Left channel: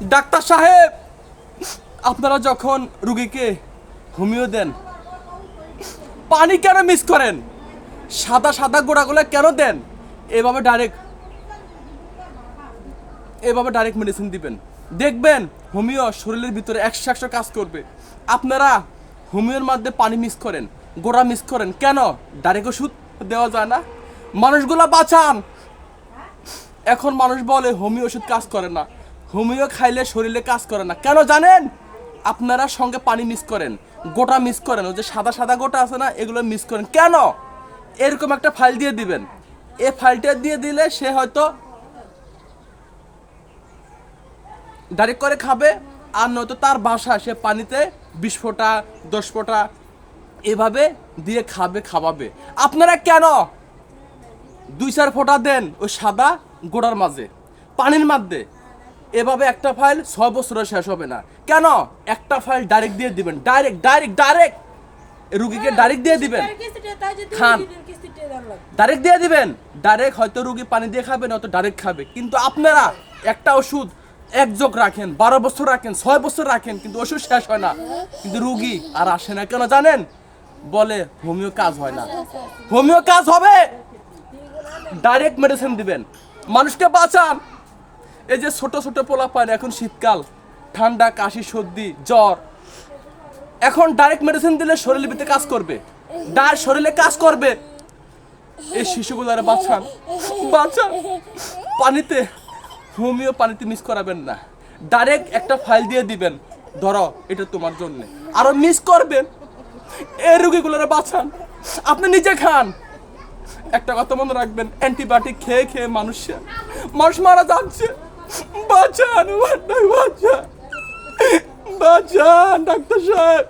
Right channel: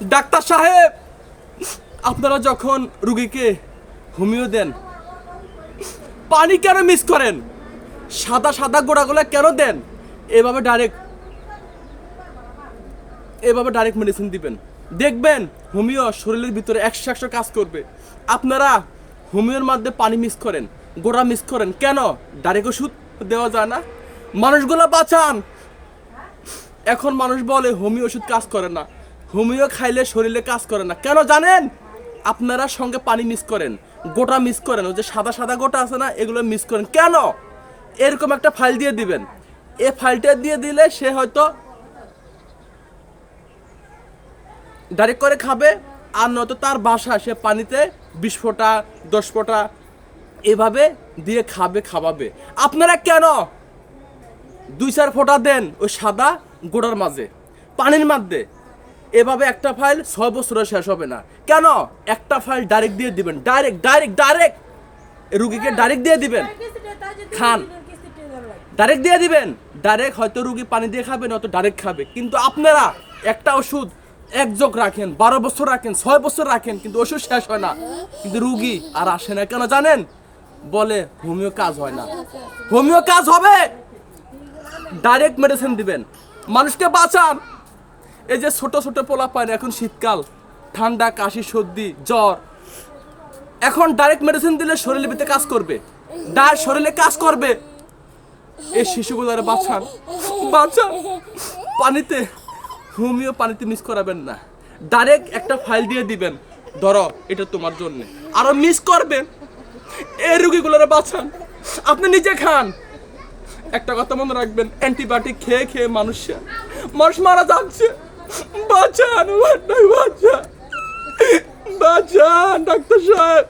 Doctor সাহেব, আপনারা যখন রুগীকে হোমিও দেন, পানি কেন মিস করেন? সাদা সাদা গোড়াগুলো কেন দেন? এভাবে ডাইরেক্ট মেডিসিন দিবেন, দেখবেন হোমিও শরীরের ভিতরে 100 কাজ করবে। আপনারা হোমিওর মধ্যে পানি মিস করেন, গোড়া মিস করেন কেন? ডাইরেক্ট ওষুধ দেওয়া যায় না? মানুষগুলা বাঁচান। এখন মানুষ বলে হোমিও ওষুধ কাজ করে না, হোমিও খাইলে শরীরে কাজ করে না। কেন জানেন? আপনারা সঙ্গে পানি মিস করেন, গোটা মিস করেন, ওই যে সাদা সাদা গোটা আছে না, এগুলো মিস করেন কেন? এরকম একটা ফাইল দিয়ে দিবেন, এই ফাইলটা দিয়ে দিলে সে হয়তো ডাইরেক্ট করে খাবে, আর নয়তো তার বাসায় সে পানিতে 20 ফোঁটা 10 ফোঁটা এভাবে দিয়ে খাওয়াবে। আপনারা কেন 2-4 ফোঁটা দেন ওই সাদা গোড়ার মাঝে, পানির মধ্যে? এভাবে একটা ফাইল 6 বছরে শেষ হবে না। কেন? একটা ফাইল ডাইরেক্ট দিয়ে দিবেন, ডাইরেক্ট রুগীকে ডাইরেক্ট দিয়ে দিবেন, খান, ডাইরেক্ট দিয়ে দিবেন। ডাইরেক্ট হয়তো রুগী পানি দিয়ে খাবে, নয়তো ডাইরেক্ট খাবে। কিন্তু আপনারা একটা ওষুধ 1 যোগ রাখেন, 12 বছর রাখেন, 6 বছর রাখেন, কিন্তু ওষুধ শেষ হয় না, কিন্তু রুগী আর আসে না। কেন জানেন? বলে হোমিও কাজ হয় না। হোমিও কাজ হবে, ডাইরেক্ট মেডিসিন দিবেন, মানুষকে বাঁচান। এই যে ছোট ছোট পোলা পায়, এখন শীতকাল, ঠান্ডা, কাশি, সর্দি, জ্বর, এখন ডাইরেক্ট মেডিসিন দিলে শরীরের ভিতরে কাজ করবে, শরীরে কাজ করবে। এই শিশুগুলারে বাঁচান। পানিতে, হোমিও পানিতে মিস করাবেন না, ডাইরেক্ট একটা ফাইল দিয়ে দিবেন, ধরো এটা তোমার জন্য, আরো মিস করবেন। এই রোগীগুলোরে বাঁচান, আপনি নিজে খান। একটা কথা মনে রাখবেন, অ্যান্টিবায়োটিক খেয়ে মানুষ মারা যাচ্ছে। বাঁচান ডাক্তার সাহেব।